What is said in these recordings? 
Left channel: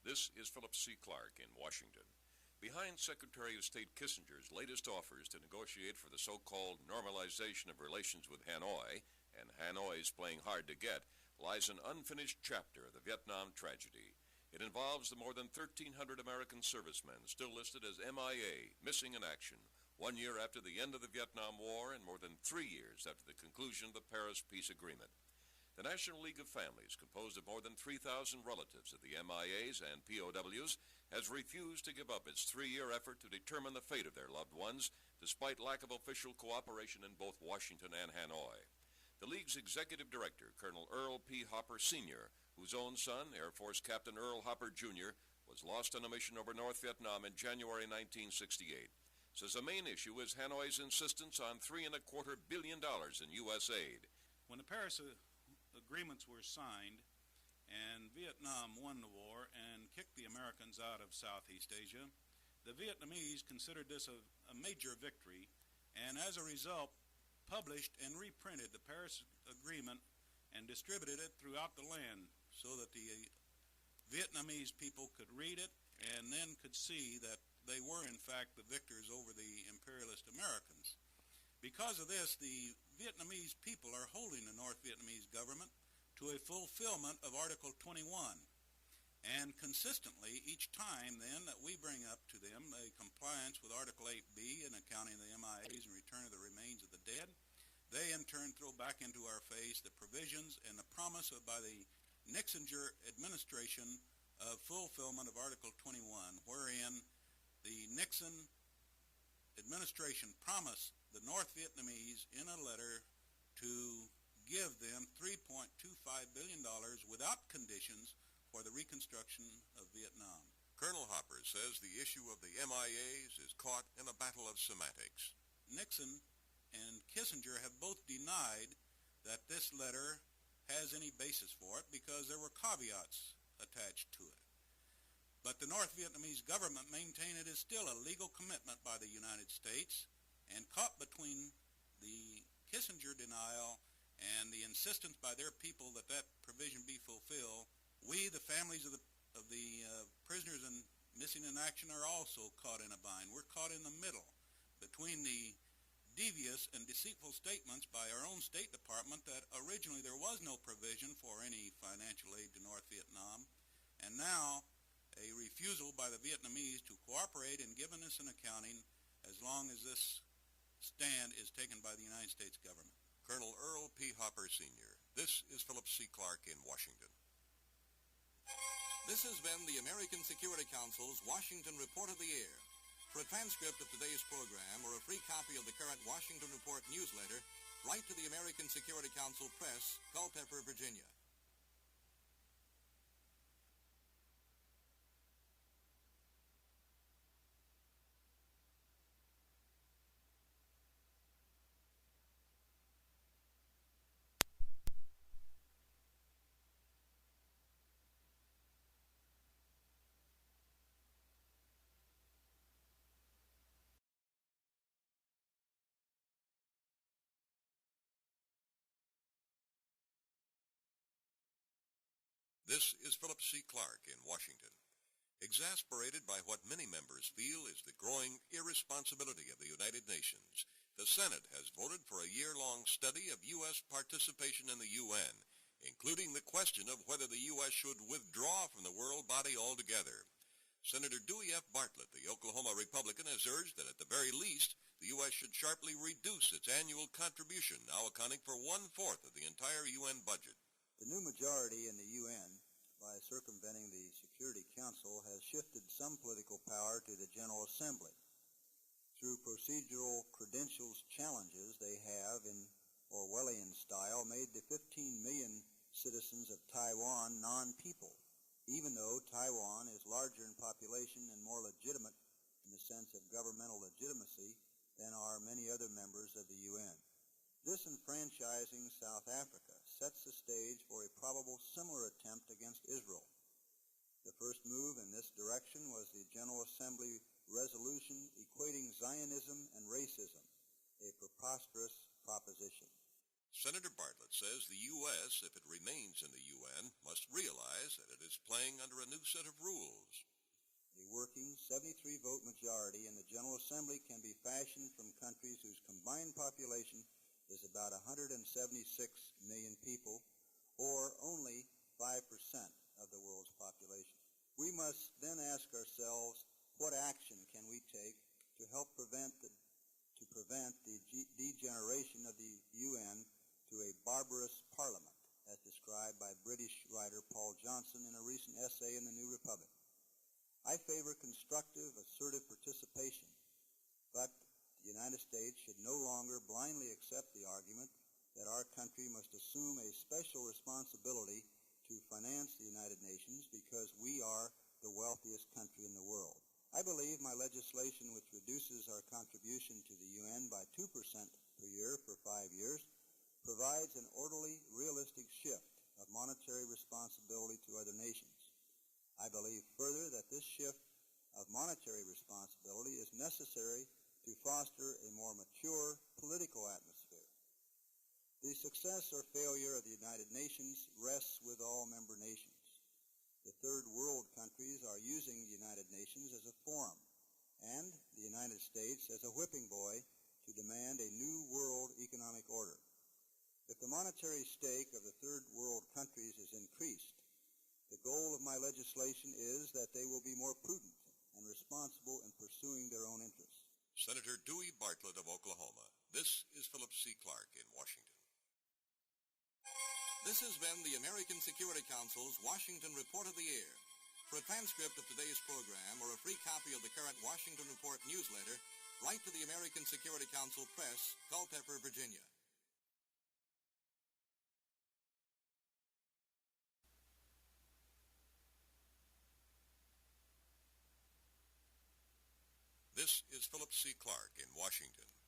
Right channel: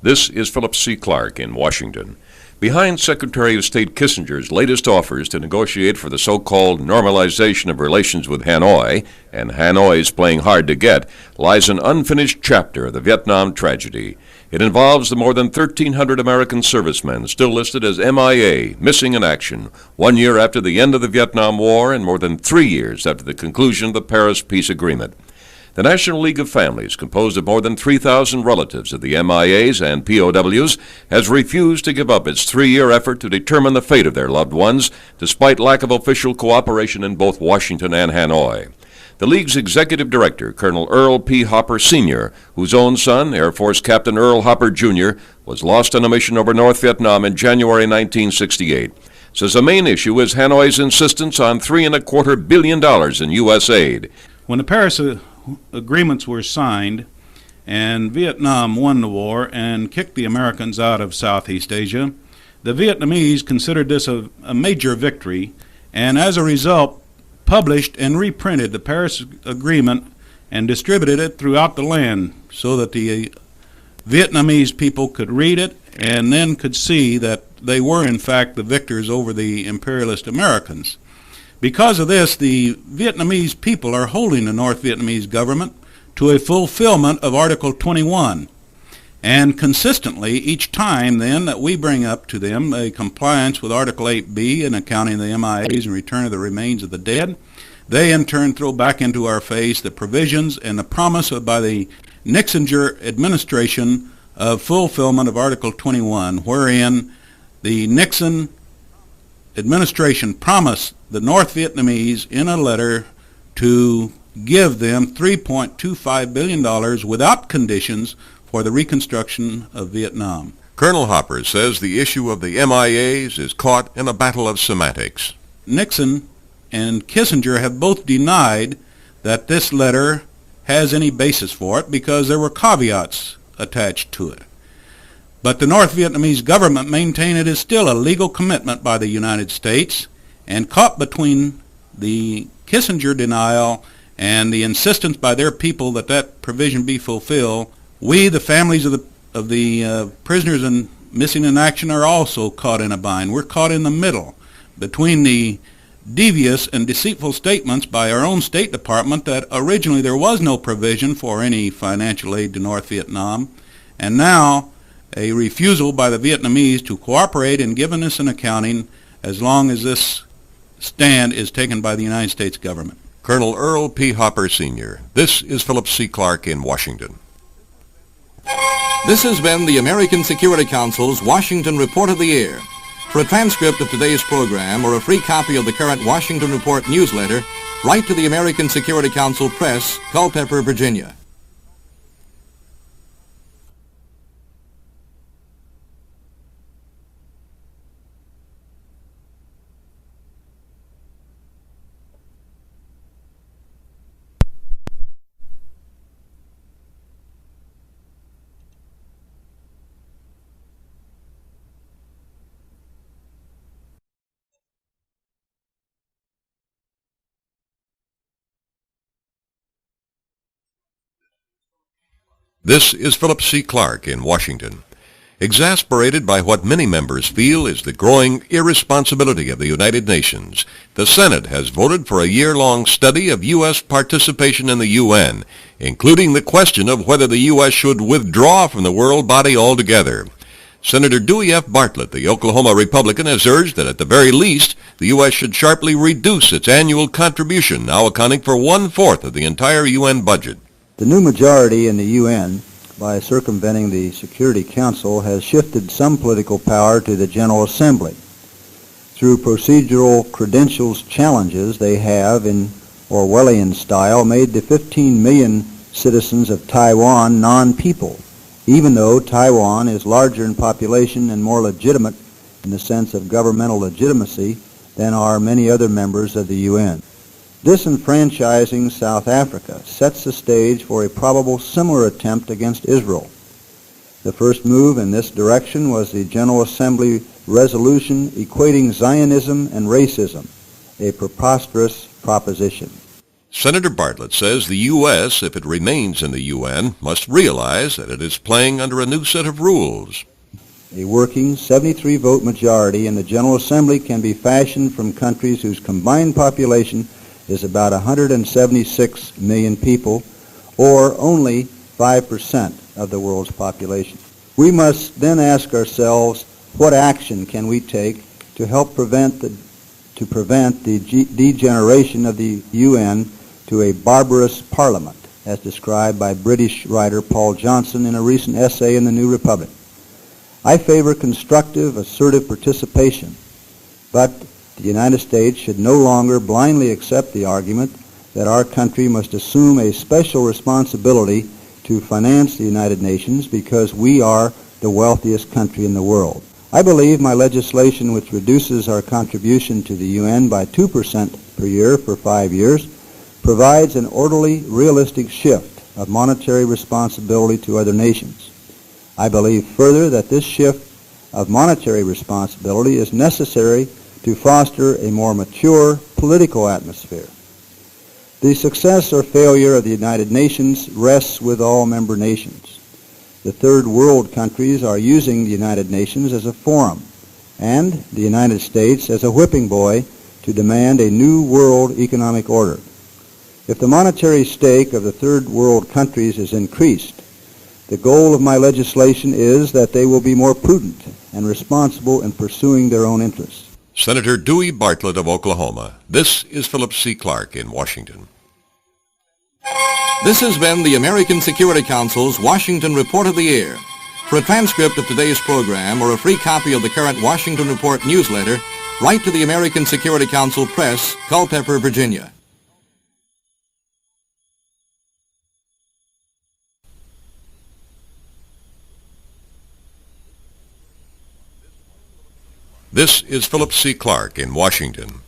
This is Philip C. Clark in Washington. Behind Secretary of State Kissinger's latest offers to negotiate for the so-called normalization of relations with Hanoi, and Hanoi's playing hard to get, lies an unfinished chapter of the Vietnam tragedy. It involves the more than 1,300 American servicemen still listed as MIA, missing in action, 1 year after the end of the Vietnam War and more than 3 years after the conclusion of the Paris Peace Agreement. The National League of Families, composed of more than 3,000 relatives of the MIAs and POWs, has refused to give up its 3-year effort to determine the fate of their loved ones, despite lack of official cooperation in both Washington and Hanoi. The League's executive director, Colonel Earl P. Hopper, Sr., whose own son, Air Force Captain Earl Hopper, Jr., was lost on a mission over North Vietnam in January 1968, says the main issue is Hanoi's insistence on $3.25 billion in U.S. aid. When the Paris agreements were signed and Vietnam won the war and kicked the Americans out of Southeast Asia, the Vietnamese considered this a major victory, and as a result published and reprinted the Paris Agreement and distributed it throughout the land so that the Vietnamese people could read it and then could see that they were in fact the victors over the imperialist Americans. Because of this, the Vietnamese people are holding the North Vietnamese government to a fulfillment of Article 21. And consistently, each time then that we bring up to them a compliance with Article 8B and accounting the MIAs and return of the remains of the dead, they in turn throw back into our face the provisions and the promise by the Nixinger administration of fulfillment of Article 21, wherein the Nixon administration promised the North Vietnamese in a letter to give them $3.25 billion without conditions for the reconstruction of Vietnam. Colonel Hopper says the issue of the MIAs is caught in a battle of semantics. Nixon and Kissinger have both denied that this letter has any basis for it because there were caveats attached to it. But the North Vietnamese government maintain it is still a legal commitment by the United States, and caught between the Kissinger denial and the insistence by their people that that provision be fulfilled, we, the families of the prisoners and missing in action, are also caught in a bind. We're caught in the middle between the devious and deceitful statements by our own State Department that originally there was no provision for any financial aid to North Vietnam, and now a refusal by the Vietnamese to cooperate in giving us an accounting as long as this stand is taken by the United States government. Colonel Earl P. Hopper, Sr. This is Philip C. Clark in Washington. This has been the American Security Council's Washington Report of the Year. For a transcript of today's program or a free copy of the current Washington Report newsletter, write to the American Security Council Press, Culpeper, Virginia. This is Philip C. Clark in Washington. Exasperated by what many members feel is the growing irresponsibility of the United Nations, the Senate has voted for a year-long study of U.S. participation in the UN, including the question of whether the U.S. should withdraw from the world body altogether. Senator Dewey Bartlett, the Oklahoma Republican, has urged that at the very least, the U.S. should sharply reduce its annual contribution, now accounting for 1/4 of the entire UN budget. The new majority in the UN, by circumventing the Security Council, has shifted some political power to the General Assembly. Through procedural credentials challenges, they have, in Orwellian style, made the 15 million citizens of Taiwan non-people, even though Taiwan is larger in population and more legitimate in the sense of governmental legitimacy than are many other members of the UN. Disenfranchising South Africa sets the stage for a probable similar attempt against Israel. The first move in this direction was the General Assembly resolution equating Zionism and racism, a preposterous proposition. Senator Bartlett says the U.S., if it remains in the UN, must realize that it is playing under a new set of rules. A working 73-vote majority in the General Assembly can be fashioned from countries whose combined population is about 176 million people, or only 5% of the world's population. We must then ask ourselves, what action can we take to help prevent the degeneration of the UN to a barbarous parliament, as described by British writer Paul Johnson in a recent essay in the New Republic. I favor constructive, assertive participation, but the United States should no longer blindly accept the argument that our country must assume a special responsibility to finance the United Nations because we are the wealthiest country in the world. I believe my legislation, which reduces our contribution to the UN by 2% per year for 5 years, provides an orderly, realistic shift of monetary responsibility to other nations. I believe further that this shift of monetary responsibility is necessary to foster a more mature political atmosphere. The success or failure of the United Nations rests with all member nations. The third world countries are using the United Nations as a forum and the United States as a whipping boy to demand a new world economic order. If the monetary stake of the third world countries is increased, the goal of my legislation is that they will be more prudent and responsible in pursuing their own interests. Senator Dewey Bartlett of Oklahoma. This is Philip C. Clark in Washington. This has been the American Security Council's Washington Report of the Year. For a transcript of today's program or a free copy of the current Washington Report newsletter, write to the American Security Council Press, Culpeper, Virginia. This is Philip C. Clark in Washington.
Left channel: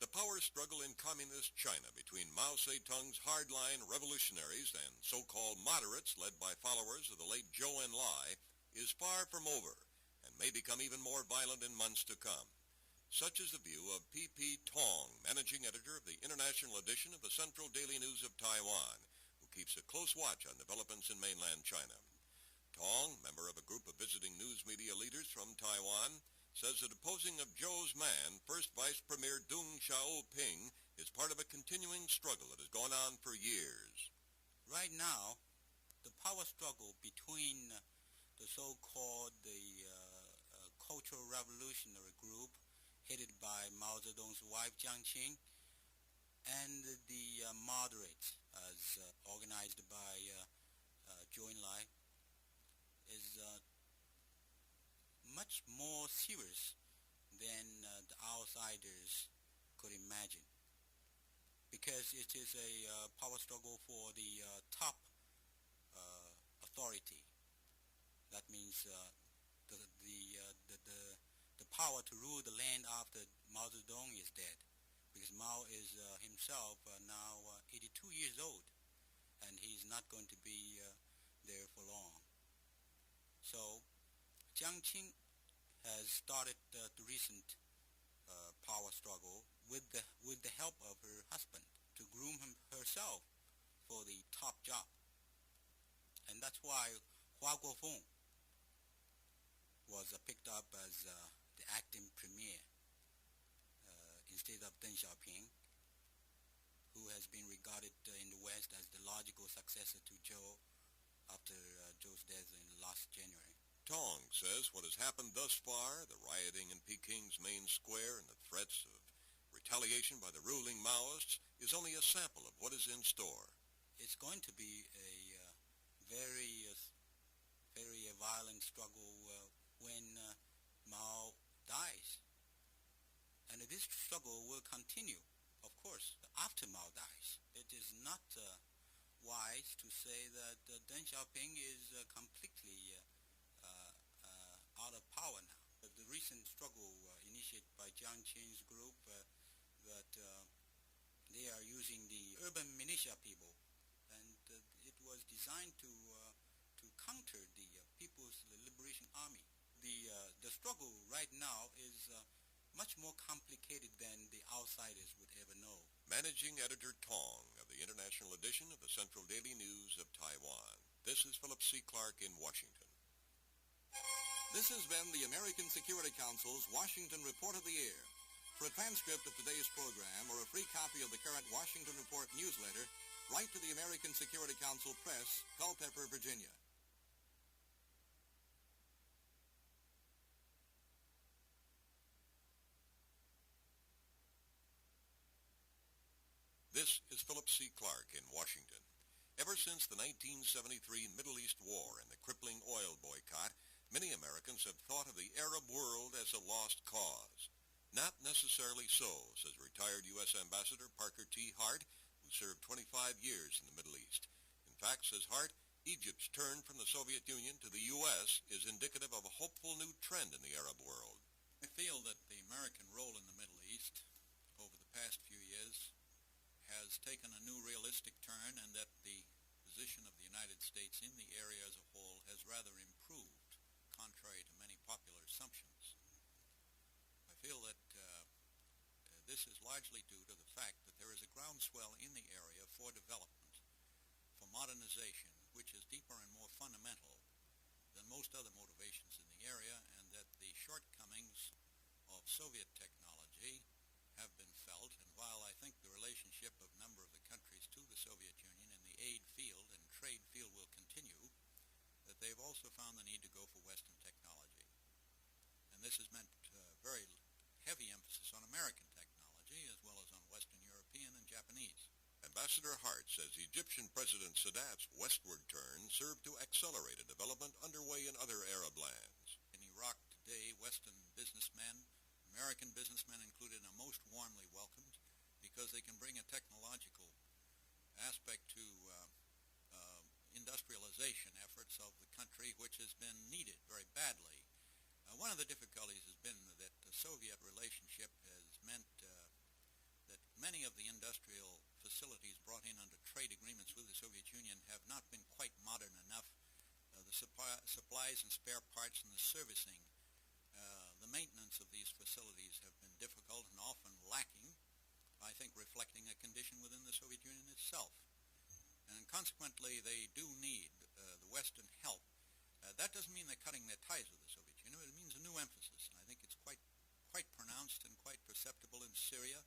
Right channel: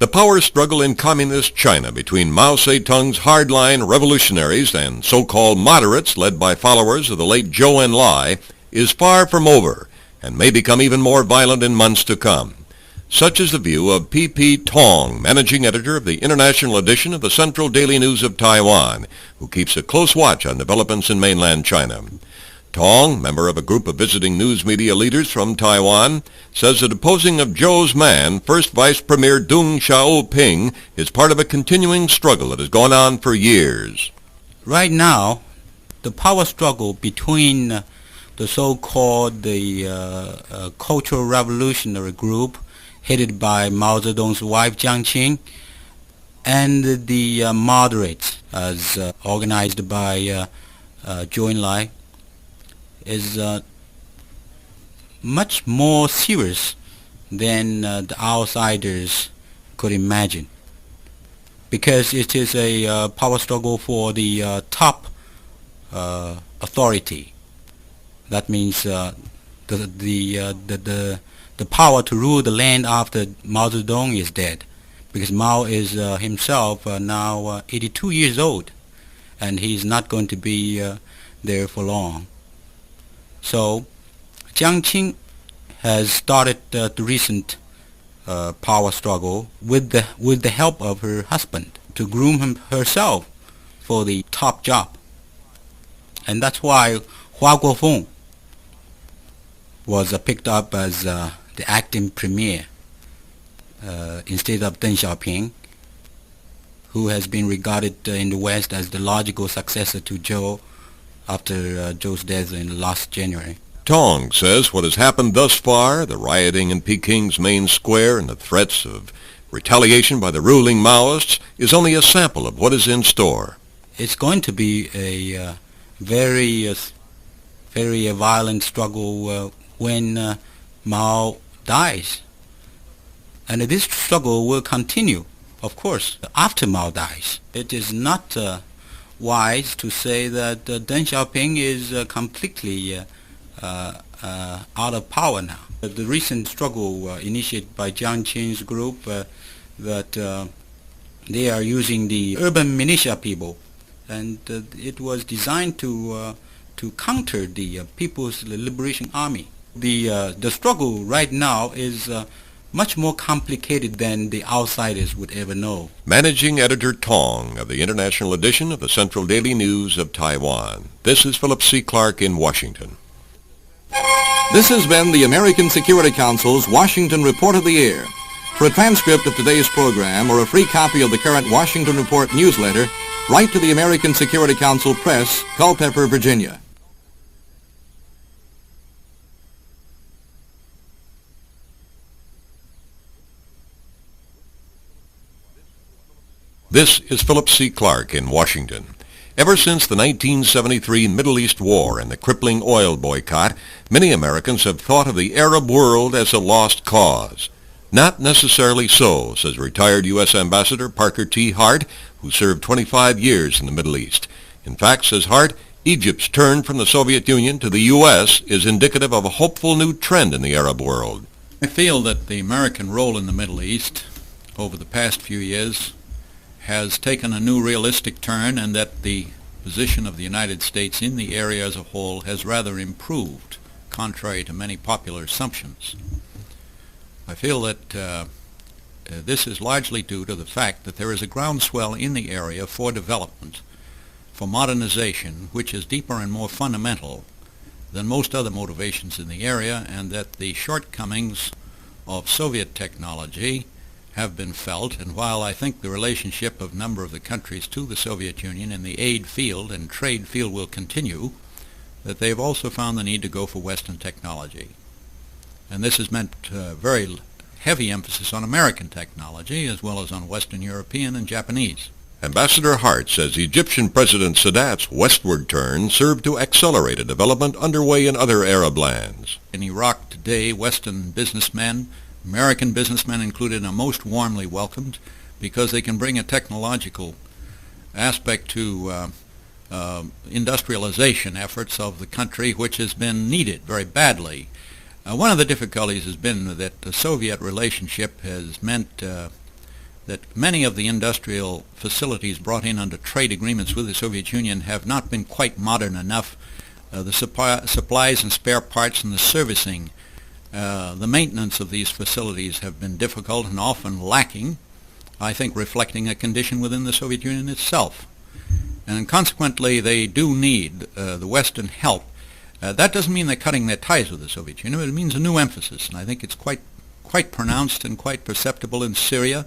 The power struggle in communist China between Mao Zedong's hardline revolutionaries and so-called moderates led by followers of the late Zhou Enlai is far from over and may become even more violent in months to come. Such is the view of P.P. Tong, managing editor of the international edition of the Central Daily News of Taiwan, who keeps a close watch on developments in mainland China. Tong, member of a group of visiting news media leaders from Taiwan, says the deposing of Zhou's man, First Vice Premier Deng Xiaoping, is part of a continuing struggle that has gone on for years. Right now, the power struggle between the so-called Cultural Revolutionary Group, headed by Mao Zedong's wife Jiang Qing, and the moderates, as organized by Zhou Enlai, is much more serious than the outsiders could imagine, because it is a power struggle for the top authority. That means the power to rule the land after Mao Zedong is dead, because Mao is himself now 82 years old, and he's not going to be there for long. So Jiang Qing has started the recent power struggle with the help of her husband to groom herself for the top job. And that's why Hua Guofeng was picked up as the acting premier instead of Deng Xiaoping, who has been regarded in the West as the logical successor to Zhou after Zhou's death in last January. Tong says what has happened thus far, the rioting in Peking's main square and the threats of retaliation by the ruling Maoists, is only a sample of what is in store. It's going to be a very violent struggle when Mao dies. And this struggle will continue, of course, after Mao dies. It is not wise to say that Deng Xiaoping is completely out of power now. The recent struggle initiated by Jiang Qing's group, that they are using the urban militia people, and it was designed to counter the People's Liberation Army. The struggle right now is much more complicated than the outsiders would ever know. Managing Editor Tong of the International Edition of the Central Daily News of Taiwan. This is Philip C. Clark in Washington. This has been the American Security Council's Washington Report of the Year. For a transcript of today's program or a free copy of the current Washington Report newsletter, write to the American Security Council Press, Culpeper, Virginia. This is Philip C. Clark in Washington. Ever since the 1973 Middle East War and the crippling oil boycott, many Americans have thought of the Arab world as a lost cause. Not necessarily so, says retired U.S. Ambassador Parker T. Hart, who served 25 years in the Middle East. In fact, says Hart, Egypt's turn from the Soviet Union to the U.S. is indicative of a hopeful new trend in the Arab world. I feel that the American role in the Middle East over the past few years has taken a new realistic turn, and that the position of the United States in the area as a whole has rather improved, contrary to many popular assumptions. I feel that this is largely due to the fact that there is a groundswell in the area for development, for modernization, which is deeper and more fundamental than most other motivations in the area, and that the shortcomings of Soviet technology have been felt. And while I think the relationship of a number of the countries to the Soviet Union in the aid field and trade field will continue, that they've also found the need to go for Western technology. And this has meant very heavy emphasis on American technology as well as on Western European and Japanese. Ambassador Hart says Egyptian President Sadat's westward turn served to accelerate a development underway in other Arab lands. In Iraq today, Western businessmen, American businessmen included, are most warmly welcomed because they can bring a technological aspect to industrialization efforts of the country, which has been needed very badly. One of the difficulties has been that the Soviet relationship has meant that many of the industrial facilities brought in under trade agreements with the Soviet Union have not been quite modern enough. The supplies and spare parts and the servicing, the maintenance of these facilities have been difficult and often lacking, I think reflecting a condition within the Soviet Union itself. And consequently, they do need the Western help. That doesn't mean they're cutting their ties with the Soviet Union, but it means a new emphasis, and I think it's quite pronounced and quite perceptible in Syria,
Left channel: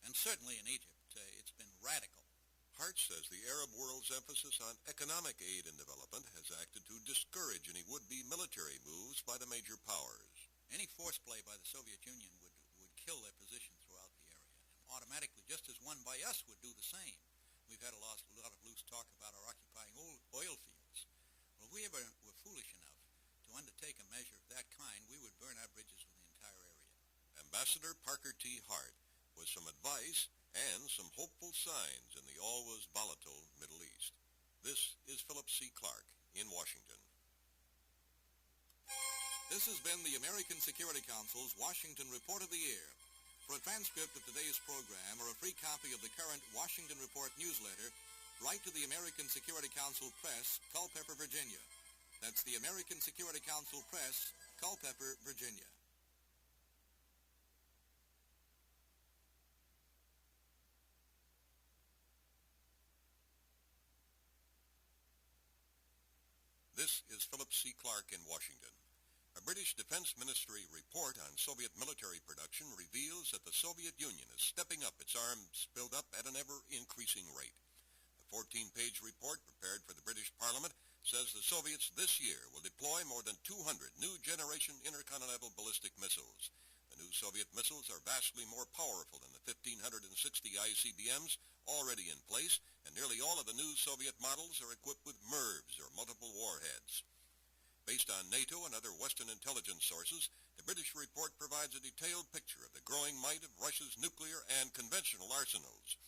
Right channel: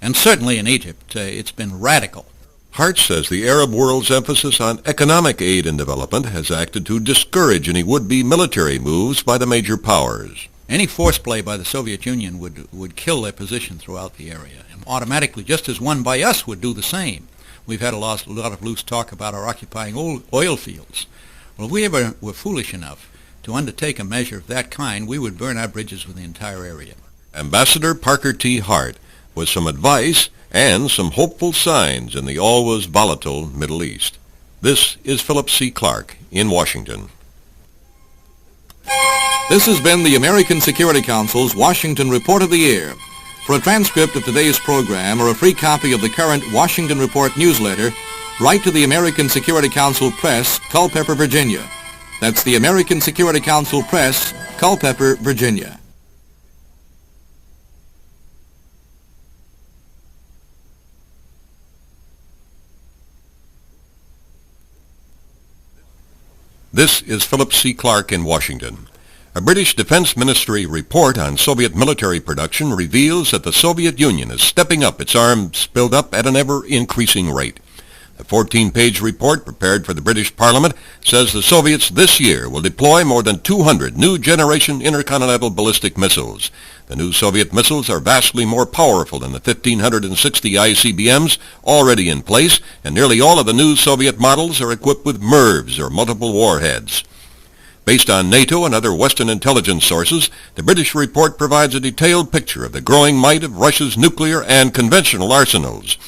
and certainly in Egypt. It's been radical. Hart says the Arab world's emphasis on economic aid and development has acted to discourage any would-be military moves by the major powers. Any force play by the Soviet Union would kill their position throughout the area, and automatically, just as one by us would do the same. We've had a lot of loose talk about our occupying oil fields. Well, if we ever were foolish enough to undertake a measure of that kind, we would burn our bridges with the entire area. Ambassador Parker T. Hart, with some advice and some hopeful signs in the always volatile Middle East. This is Philip C. Clark in Washington. This has been the American Security Council's Washington Report of the Year. For a transcript of today's program or a free copy of the current Washington Report newsletter, write to the American Security Council Press, Culpeper, Virginia. That's the American Security Council Press, Culpeper, Virginia. This is Philip C. Clark in Washington. A British Defense Ministry report on Soviet military production reveals that the Soviet Union is stepping up its arms build-up at an ever-increasing rate. The 14-page report prepared for the British Parliament says the Soviets this year will deploy more than 200 new-generation intercontinental ballistic missiles. The new Soviet missiles are vastly more powerful than the 1,560 ICBMs already in place, and nearly all of the new Soviet models are equipped with MIRVs, or multiple warheads. Based on NATO and other Western intelligence sources, the British report provides a detailed picture of the growing might of Russia's nuclear and conventional arsenals.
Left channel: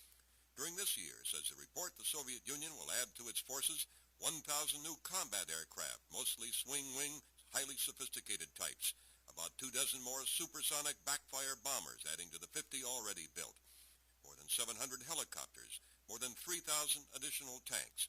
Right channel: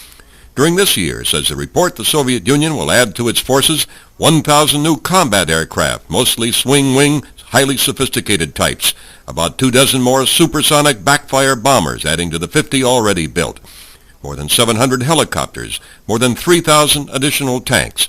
During this year, says the report, the Soviet Union will add to its forces 1,000 new combat aircraft, mostly swing-wing, highly sophisticated types, about 24 more supersonic backfire bombers, adding to the 50 already built, more than 700 helicopters, more than 3,000 additional tanks,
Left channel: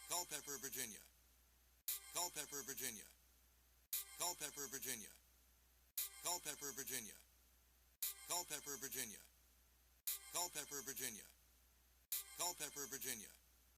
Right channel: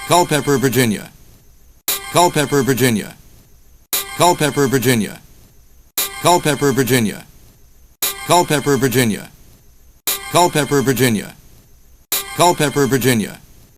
Culpeper, Virginia. Culpeper, Virginia. Culpeper, Virginia. Culpeper, Virginia. Culpeper, Virginia. Culpeper, Virginia. Culpeper, Virginia.